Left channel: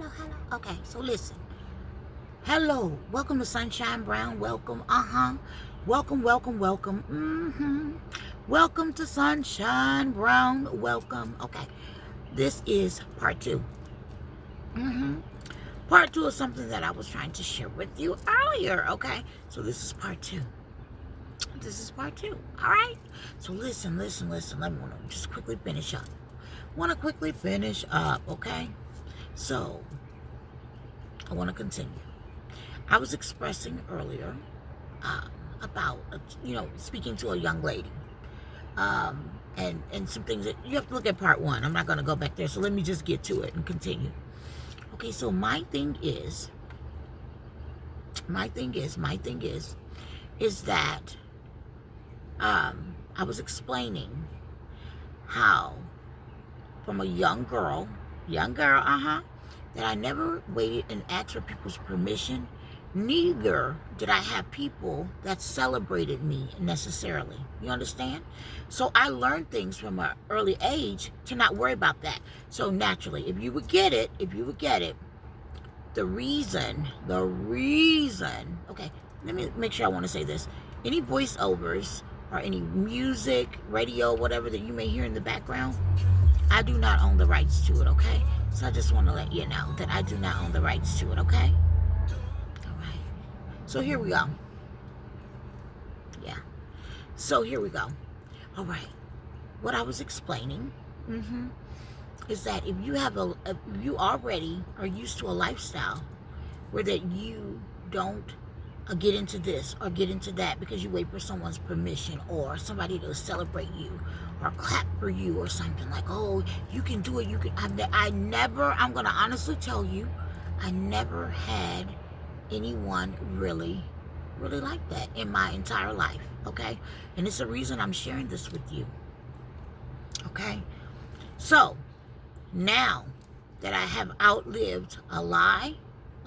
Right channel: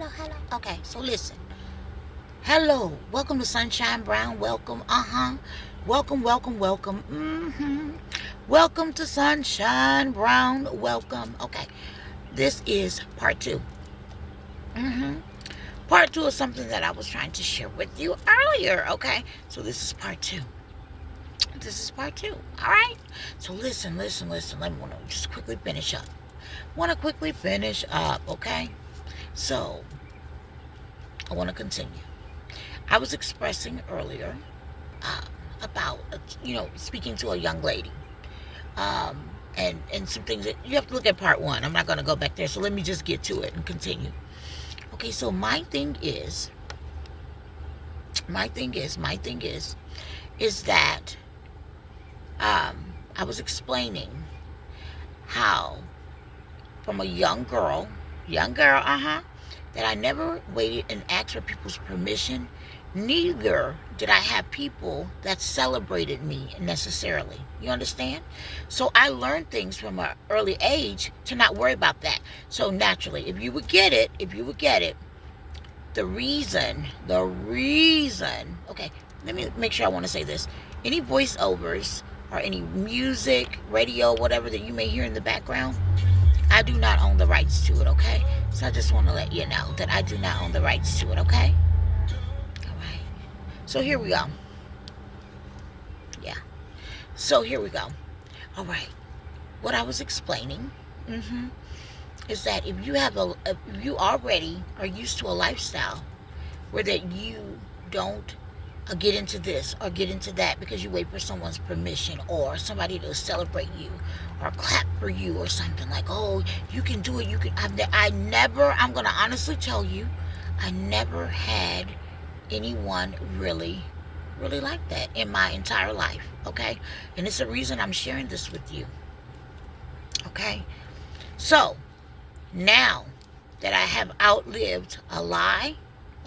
hello. Okay, so listen. Hello, welcome to Sunshine Brown. Welcome, welcome. Welcome to Sunshine Brown. Welcome. Okay, this is part two. Part two of something that I was trying to share with you earlier. Okay, so this is part two. This is part two. All right. So listen. Let me want to just quickly finish up. Okay. So I want to continue. I was expressing earlier uh, about speaking to a young lady, and some things that you have to look at part one. I'm not going to go back there, so let me just get to it and continue. Okay, so my thing is that I was explaining how from a young girl, that I never waited and asked for people's permission. Neither did I have people that celebrated me necessarily. You understand? So I learned things from an early age to not worry about that. So naturally, if you would get it, the reason, okay, let me make sure I want to say this. Any voiceovers or any music, radio, whatever that you may hear in the background, I do not own the rights to it, okay? So I just want to let you know that I do not own the rights to it, okay? All right. So here we go. Yeah. So here we go. All right. What I was explaining is that if you already are used to a lifestyle where that you don't get into this or get into that because you wait for someone's permission or somebody to celebrate you or clap for you or something like, oh, you can do it. I'm going to honestly tell you, I never had anyone really like that in my entire life, okay? And it's the reason I'm sharing this with you, okay? So, now that I have outlived a lie,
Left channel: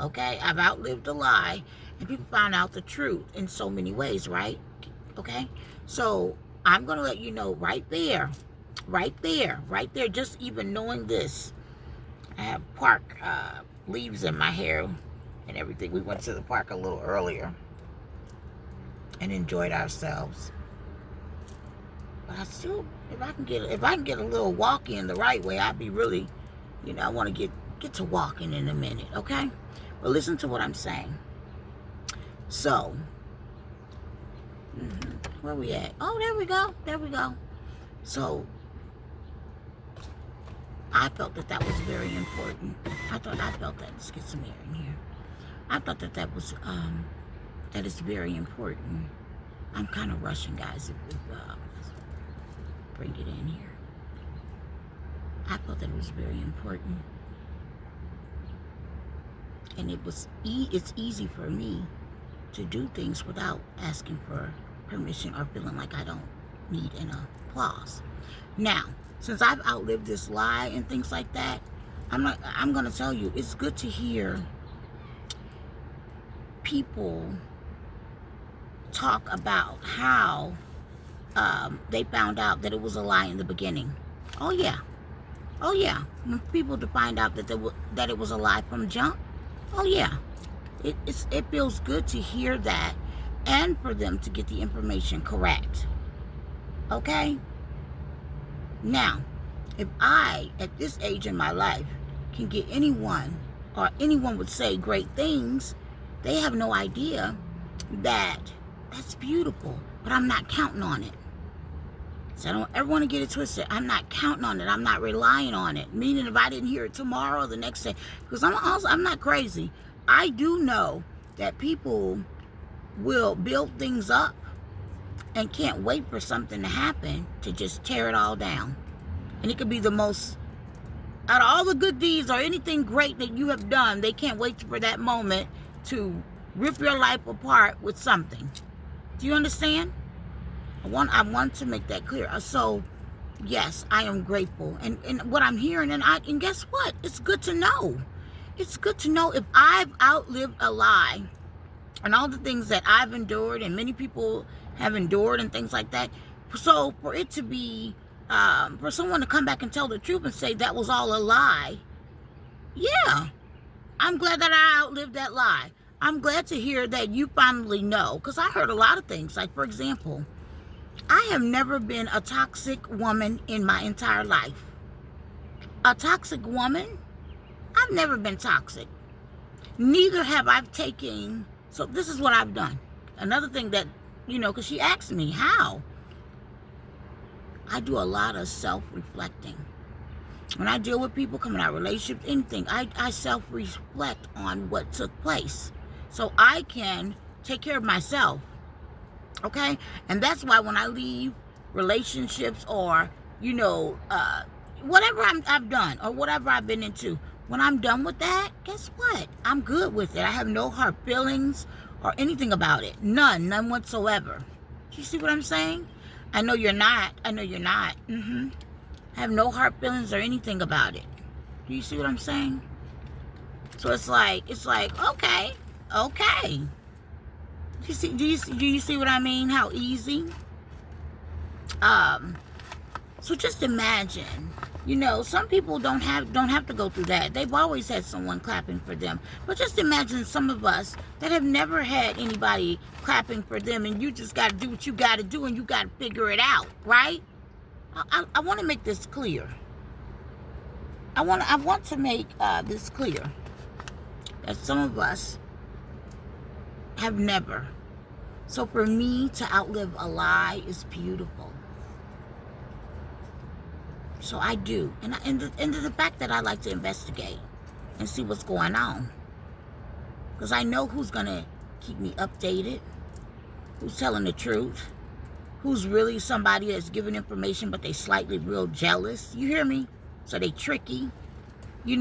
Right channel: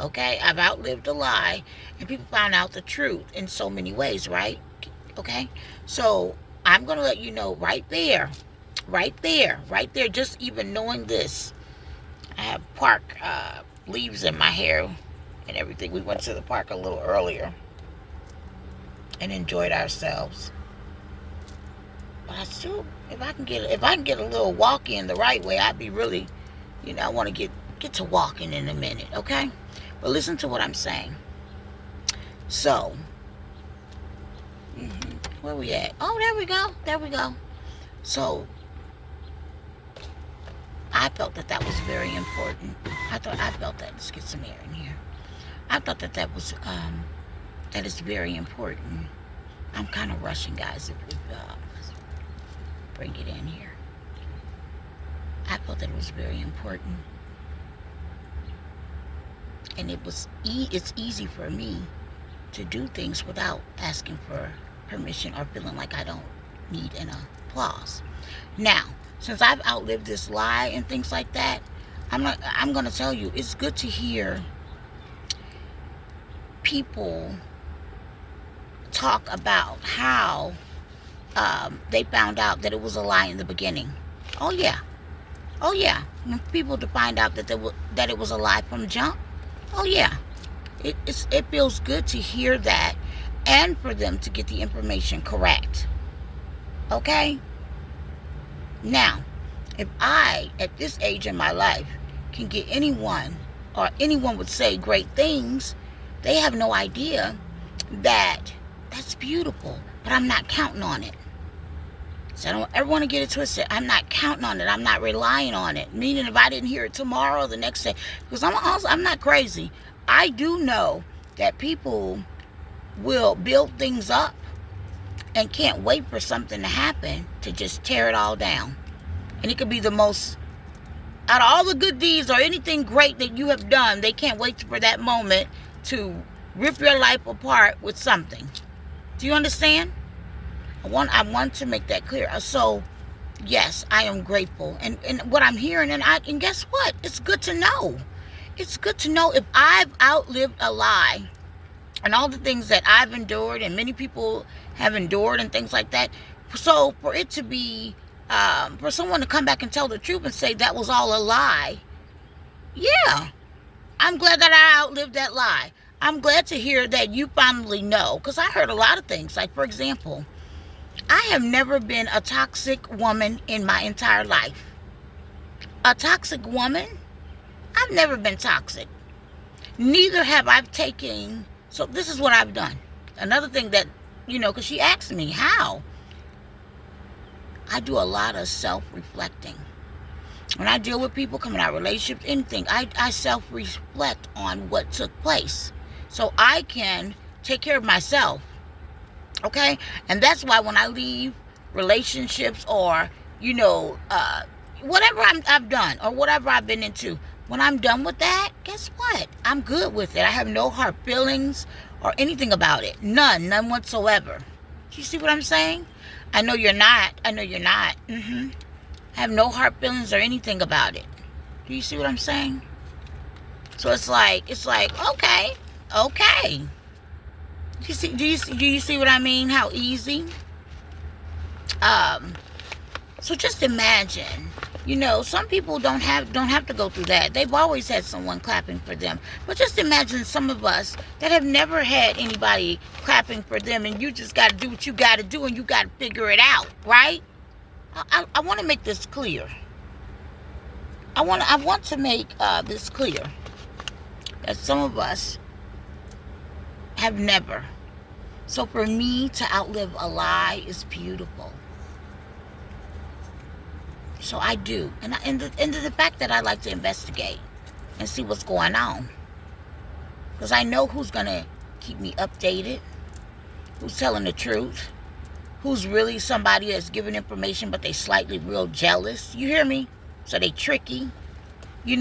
okay? I've outlived a lie, and people find out the truth in so many ways, right? Okay? So, I'm going to let you know right there, just even knowing this. I have park leaves in my hair and everything. We went to the park a little earlier and enjoyed ourselves. But I still, if I can get a little walk in the right way, I'd be really, I want to get to walking in a minute, okay? But listen to what I'm saying. So, where we at? Oh, there we go. So, I felt that was very important. I felt that. Let's get some air in here. I thought that was, that is very important. I'm kind of rushing, guys. Let's bring it in here. I felt that it was very important. And it's easy for me to do things without asking for permission or feeling like I don't need an applause. Now, since I've outlived this lie and things like that, I'm going to tell you, it's good to hear people talk about how they found out that it was a lie in the beginning. Oh yeah. When people to find out that it was a lie from jump. Oh yeah. It feels good to hear that, and for them to get the information correct. Okay? Now, if I, at this age in my life, can get anyone, or anyone would say great things, they have no idea that that's beautiful, but I'm not counting on it. So I don't ever want to get it twisted. I'm not counting on it. I'm not relying on it. Meaning if I didn't hear it tomorrow or the next day, because I'm not crazy. I do know that people will build things up and can't wait for something to happen to just tear it all down. And it could be the most, out of all the good deeds or anything great that you have done, they can't wait for that moment to rip your life apart with something. Do you understand? I want to make that clear. So, yes, I am grateful. And what I'm hearing, and guess what? It's good to know. It's good to know if I've outlived a lie and all the things that I've endured and many people have endured and things like that. So for it to be, for someone to come back and tell the truth and say that was all a lie, yeah, I'm glad that I outlived that lie. I'm glad to hear that you finally know, because I heard a lot of things. Like, for example, I have never been a toxic woman in my entire life. A toxic woman? I've never been toxic. Neither have I taken. So this is what I've done. Another thing that, because she asked me how. I do a lot of self-reflecting. When I deal with people coming out of relationships, anything, I self-reflect on what took place so I can take care of myself. Okay? And that's why when I leave relationships or, whatever I've done or whatever I've been into, when I'm done with that, guess what? I'm good with it. I have no hard feelings or anything about it. None whatsoever. Do you see what I'm saying? I know you're not. I have no hard feelings or anything about it. Do you see what I'm saying? So it's like, okay. Do you see what I mean? How easy? So just imagine, some people don't have to go through that. They've always had someone clapping for them. But just imagine some of us that have never had anybody clapping for them, and you just got to do what you got to do, and you got to figure it out, right? I want to make this clear. I want to make this clear that some of us have never. So for me to outlive a lie is beautiful. So I do. And the fact that I like to investigate and see what's going on. Because I know who's going to keep me updated, who's telling the truth, who's really somebody that's giving information but they slightly real jealous. You hear me? So they tricky. Every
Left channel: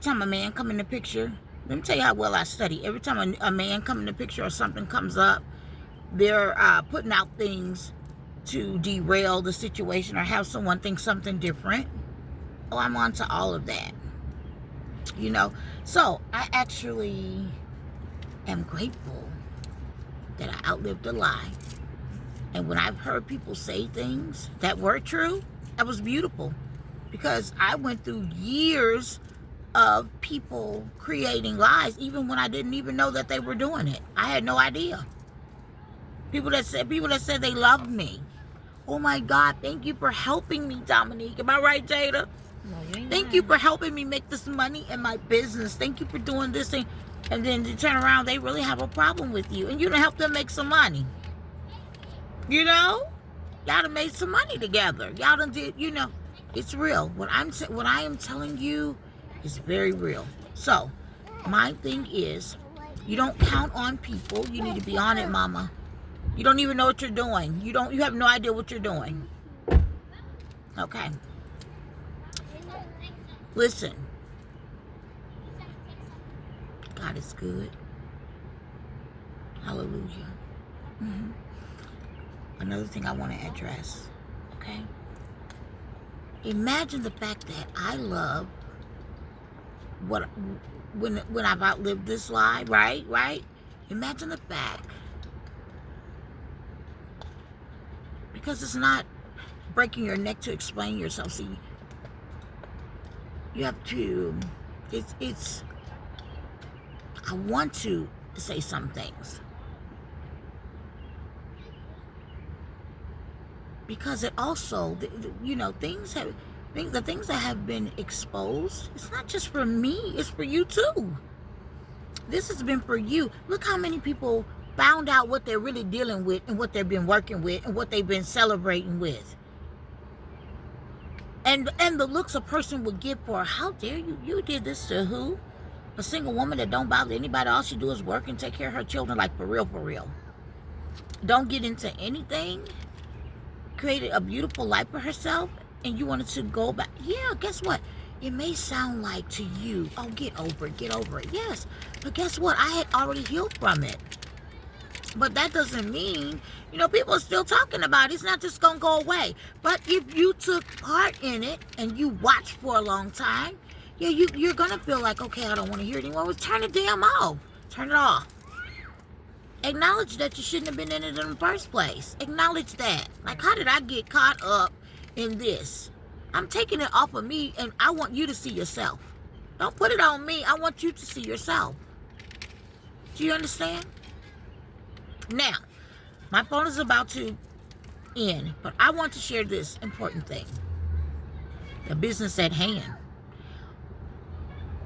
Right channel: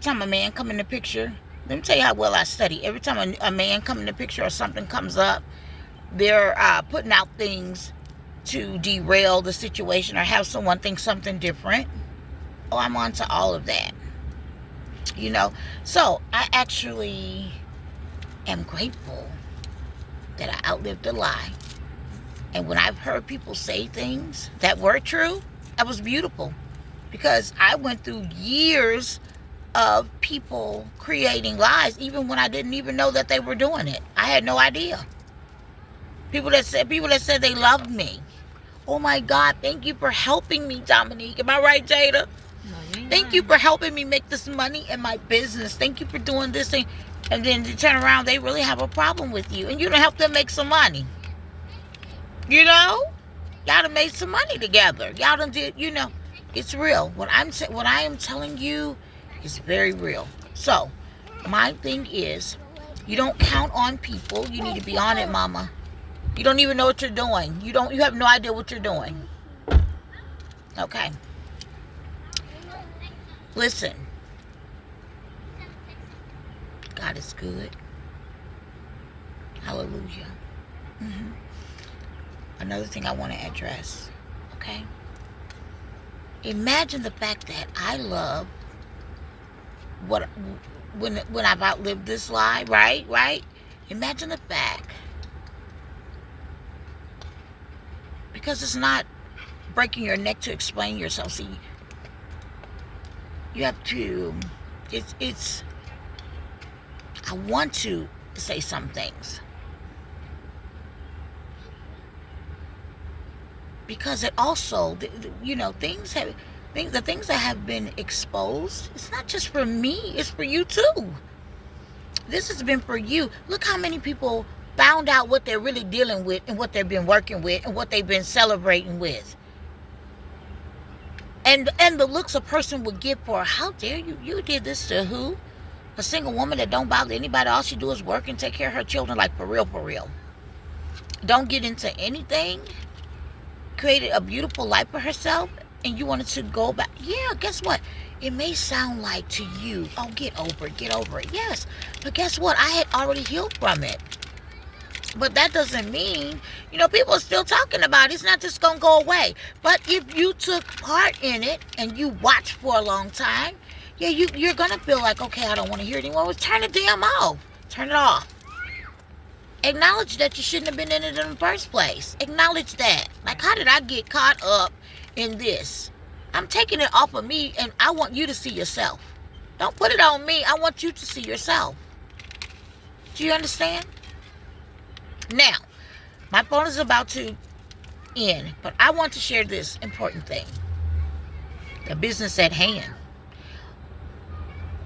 time a man come in the picture, let me tell you how well I study. Every time a man come in the picture or something comes up, they're putting out things to derail the situation or have someone think something different. Oh, I'm on to all of that. So I actually am grateful that I outlived a lie. And when I've heard people say things that were true, that was beautiful. Because I went through years of people creating lies, even when I didn't even know that they were doing it. I had no idea. People that said they loved me. Oh my God, thank you for helping me, Dominique. Am I right, Jada? No, thank you for helping me make this money in my business. Thank you for doing this thing. And then you turn around, they really have a problem with you. And you done help them make some money. Y'all done made some money together. Y'all done did, it's real. What I am telling you is very real. So, my thing is, you don't count on people. You need to be on it, mama. You don't even know what you're doing. You have no idea what you're doing. Okay. Listen. God is good. Hallelujah. Another thing I want to address. Okay. Imagine the fact that I love when I've outlived this lie, right? Imagine the fact. Because it's not breaking your neck to explain yourself. See, you have to, I want to say some things. Because it also, the things that have been exposed, it's not just for me, it's for you too. This has been for you. Look how many people found out what they're really dealing with and what they've been working with and what they've been celebrating with. And the looks a person would get for, how dare you? You did this to who? A single woman that don't bother anybody. All she do is work and take care of her children, like for real. Don't get into anything. Created a beautiful life for herself, and you wanted to go back. Yeah, guess what? It may sound like to you, oh, get over it. Yes, but guess what? I had already healed from it. But that doesn't mean, people are still talking about it. It's not just going to go away. But if you took part in it and you watched for a long time, yeah, you're going to feel like, okay, I don't want to hear it anymore. Well, turn it damn off. Turn it off. Acknowledge that you shouldn't have been in it in the first place. Acknowledge that. Like, how did I get caught up in this? I'm taking it off of me, and I want you to see yourself. Don't put it on me. I want you to see yourself. Do you understand? Now, my phone is about to end, but I want to share this important thing. The business at hand.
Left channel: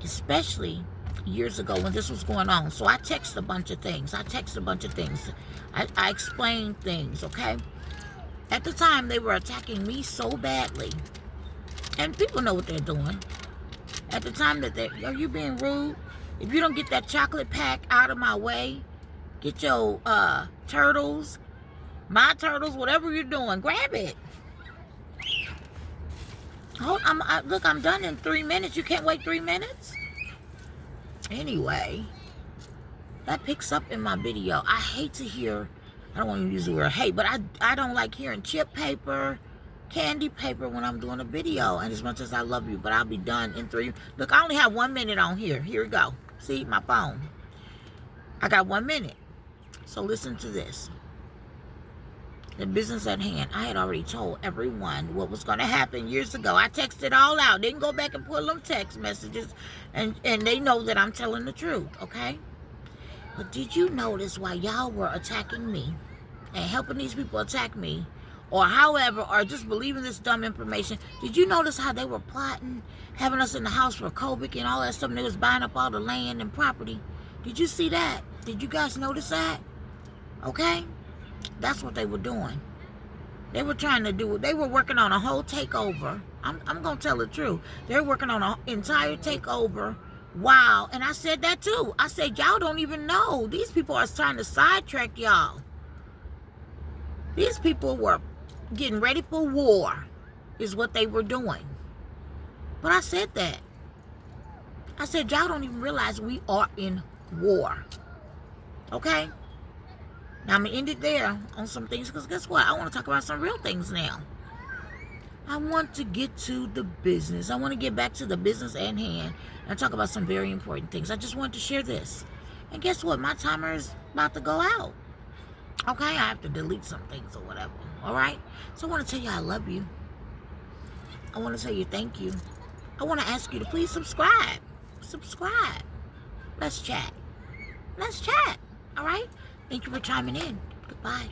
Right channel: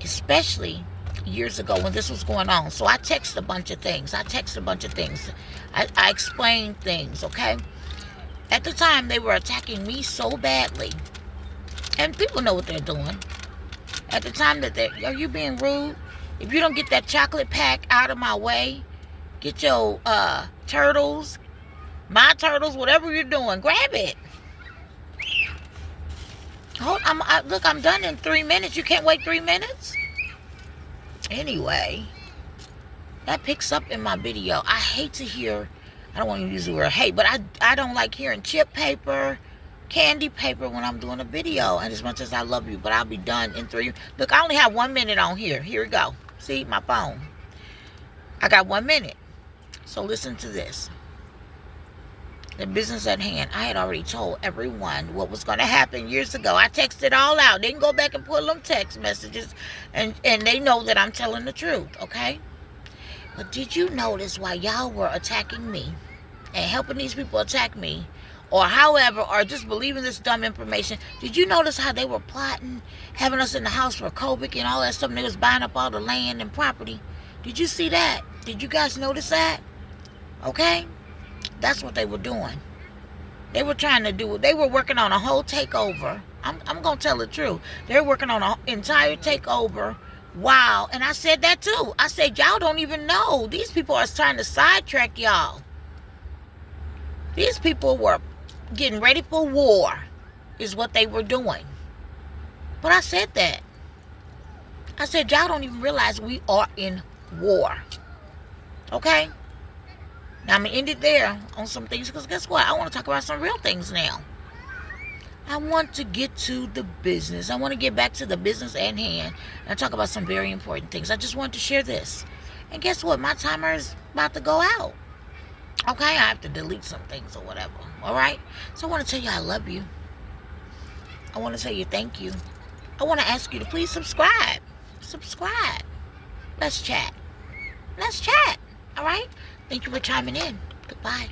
Especially years ago when this was going on. So I text a bunch of things. I explained things, okay? At the time, they were attacking me so badly. And people know what they're doing. At the time that are you being rude? If you don't get that chocolate pack out of my way, get your turtles, my turtles, whatever you're doing, grab it. Look, I'm done in 3 minutes. You can't wait 3 minutes? Anyway, that picks up in my video. I hate to hear, I don't want to use the word hate, but I don't like hearing chip paper, candy paper when I'm doing a video. And as much as I love you, but I'll be done in 3. Look, I only have 1 minute on here. Here we go. See, my phone. I got 1 minute. So listen to this. The business at hand. I had already told everyone what was going to happen years ago. I texted all out. They can go back and pull them text messages, and they know that I'm telling the truth, okay? But did you notice while y'all were attacking me and helping these people attack me, or however, or just believing this dumb information, did you notice how they were plotting, having us in the house for COVID and all that stuff, and they was buying up all the land and property? Did you see that? Did you guys notice that? Okay? That's what they were doing. They were trying to do it. They were working on a whole takeover. I'm going to tell the truth. They're working on an entire takeover. Wow. And I said that too. I said, y'all don't even know. These people are trying to sidetrack y'all. These people were getting ready for war is what they were doing. But I said that. I said, y'all don't even realize we are in war. Okay? Now, I'm going to end it there on some things, because guess what? I want to talk about some real things now. I want to get to the business. I want to get back to the business at hand and talk about some very important things. I just wanted to share this. And guess what? My timer is about to go out. Okay? I have to delete some things or whatever. All right? So I want to tell you I love you. I want to tell you thank you. I want to ask you to please subscribe. Subscribe. Let's chat. Let's chat. All right? Thank you for chiming in. Goodbye.